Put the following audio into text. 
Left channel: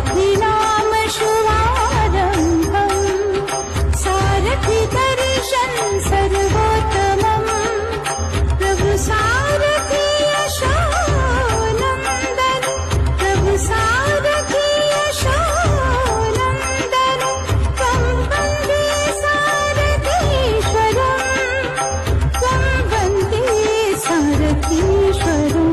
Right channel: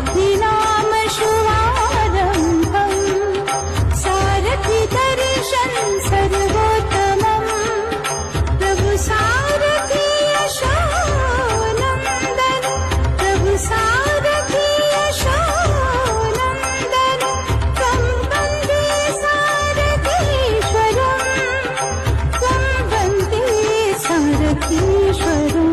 सारथि नाम शुभारम्भम् सारथि दर्शन सर्वोत्तमम् प्रभु सारथि यशोनन्दन प्रभु सारथि यशोनन्दन त्वं वन्दे सारथीश्वरम् त्वं वन्दे सारथीश्वरम्